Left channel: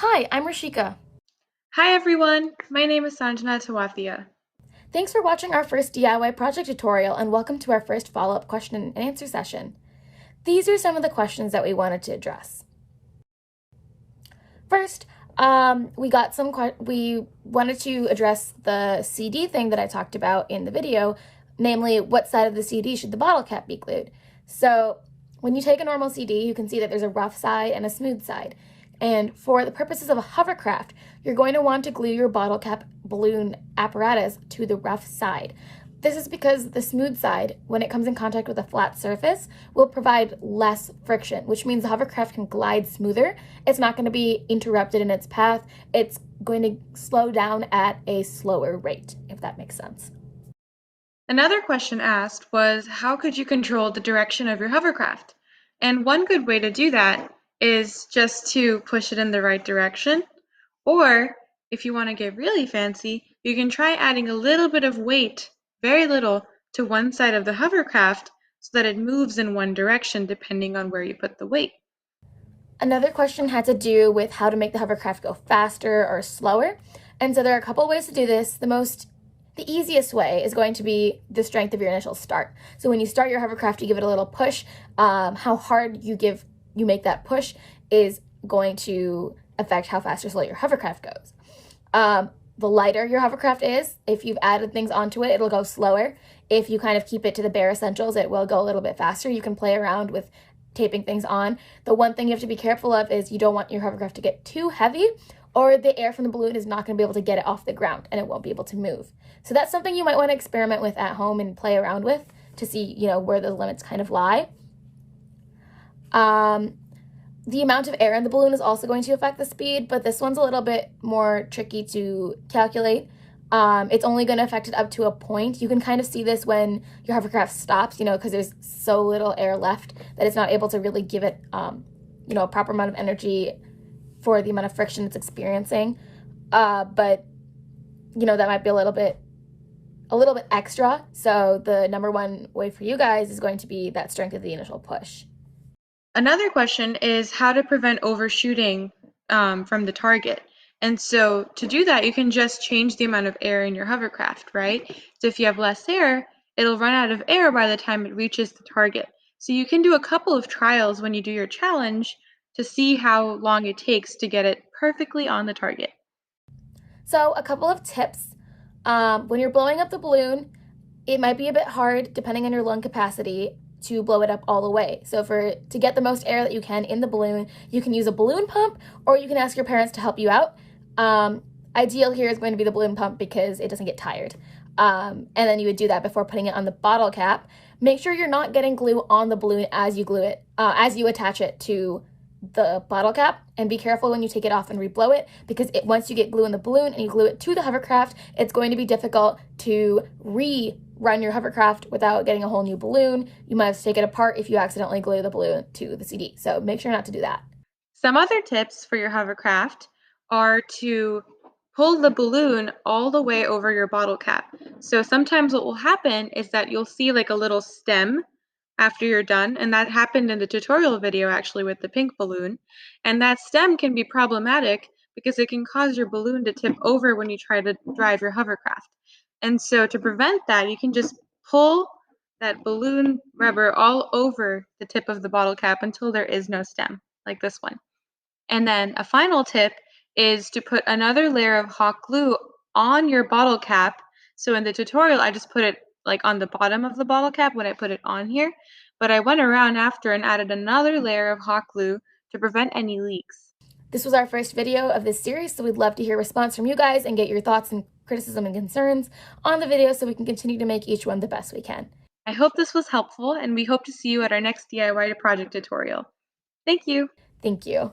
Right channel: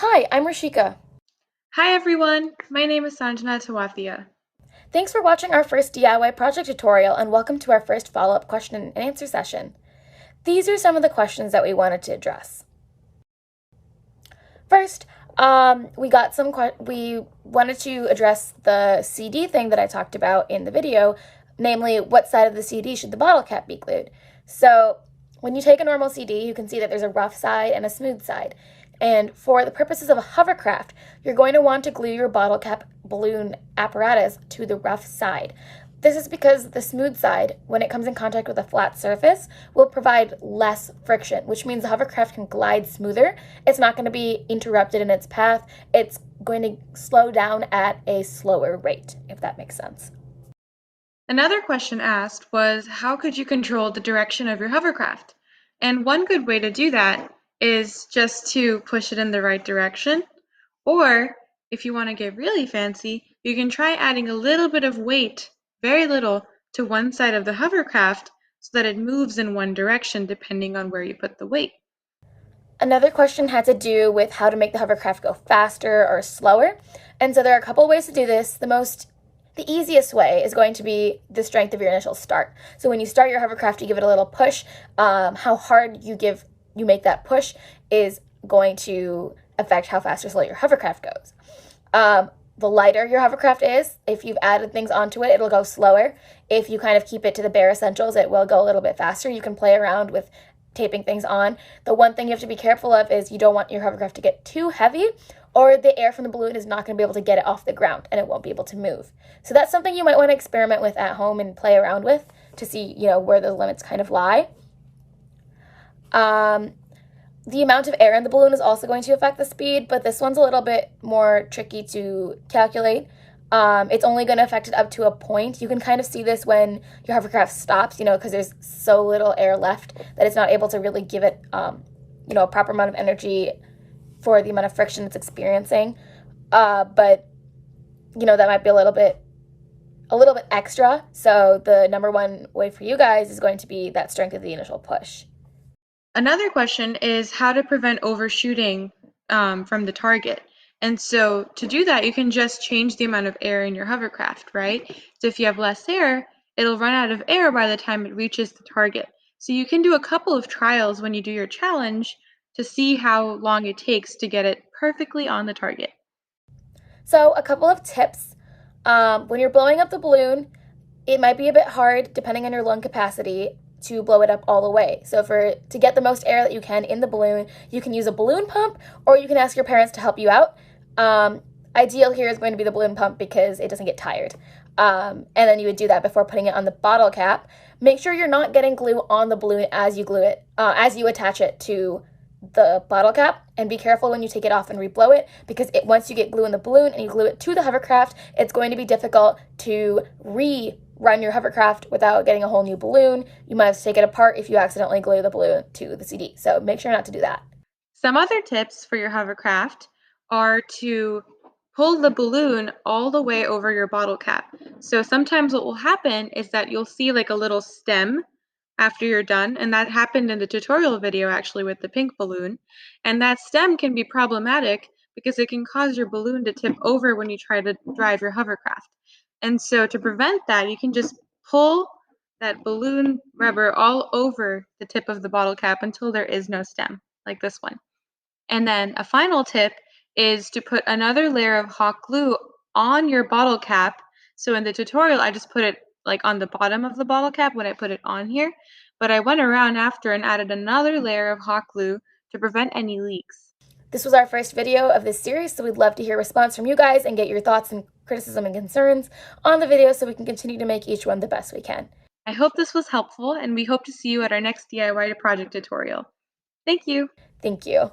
Hi, I'm Rashika. Hi everyone, my name is Sanjana Tawathia. Thanks for watching our first DIY project tutorial and welcome to our first follow-up question and answer session. These are some of the questions that we wanted to address. First, we wanted to address the CD thing that I talked about in the video, namely what side of the CD should the bottle cap be glued. So when you take a normal CD, you can see that there's a rough side and a smooth side. And for the purposes of a hovercraft, you're going to want to glue your bottle cap balloon apparatus to the rough side. This is because the smooth side, when it comes in contact with a flat surface, will provide less friction, which means the hovercraft can glide smoother. It's not going to be interrupted in its path. It's going to slow down at a slower rate, if that makes sense. Another question asked was, how could you control the direction of your hovercraft? And one good way to do that is just to push it in the right direction. Or if you want to get really fancy, you can try adding a little bit of weight, very little, to one side of the hovercraft so that it moves in one direction depending on where you put the weight. Another question had to do with how to make the hovercraft go faster or slower. And so there are a couple ways to do this. The easiest way is going to be the strength of your initial start. So when you start your hovercraft, you give it a little push. How hard you make that push is going to affect how fast or slow your hovercraft goes. The lighter your hovercraft is, if you've added things onto it, it'll go slower. If you kind of keep it to the bare essentials, it will go a little bit faster. You can play around with taping things on. The one thing you have to be careful of is you don't want your hovercraft to get too heavy, or the air from the balloon is not going to be able to get it off the ground and it won't be able to move. So that's something you might want to experiment with at home and play around with to see, where the limits kind of lie. The amount of air in the balloon is also going to affect the speed, but this one's a little bit more tricky to calculate. It's only going to affect it up to a point. You can kind of see this when your hovercraft stops, because there's so little air left that it's not able to really give it, a proper amount of energy for the amount of friction it's experiencing. But that might be a little bit extra. So the number one way for you guys is going to be that strength of the initial push. Another question is how to prevent overshooting from the target. And so to do that, you can just change the amount of air in your hovercraft, right? So if you have less air, it'll run out of air by the time it reaches the target. So you can do a couple of trials when you do your challenge to see how long it takes to get it perfectly on the target. So a couple of tips. When you're blowing up the balloon, it might be a bit hard, depending on your lung capacity, to blow it up all the way. So to get the most air that you can in the balloon, you can use a balloon pump, or you can ask your parents to help you out. Ideal here is going to be the balloon pump because it doesn't get tired. And then you would do that before putting it on the bottle cap. Make sure you're not getting glue on the balloon as you glue it, as you attach it to the bottle cap, and be careful when you take it off and reblow it, because once you get glue in the balloon and you glue it to the hovercraft, it's going to be difficult to rerun your hovercraft without getting a whole new balloon. You might have to take it apart if you accidentally glue the balloon to the CD. So make sure not to do that. Some other tips for your hovercraft are to pull the balloon all the way over your bottle cap. So sometimes what will happen is that you'll see like a little stem after you're done, and that happened in the tutorial video actually with the pink balloon. And that stem can be problematic because it can cause your balloon to tip over when you try to drive your hovercraft. And so to prevent that, you can just pull that balloon rubber all over the tip of the bottle cap until there is no stem, like this one. And then a final tip is to put another layer of hot glue on your bottle cap. So in the tutorial, I just put it like on the bottom of the bottle cap when I put it on here, but I went around after and added another layer of hot glue to prevent any leaks. This was our first video of this series, so we'd love to hear a response from you guys and get your thoughts and criticism and concerns on the video so we can continue to make each one the best we can. I hope this was helpful, and we hope to see you at our next DIY project tutorial. Thank you! Thank you.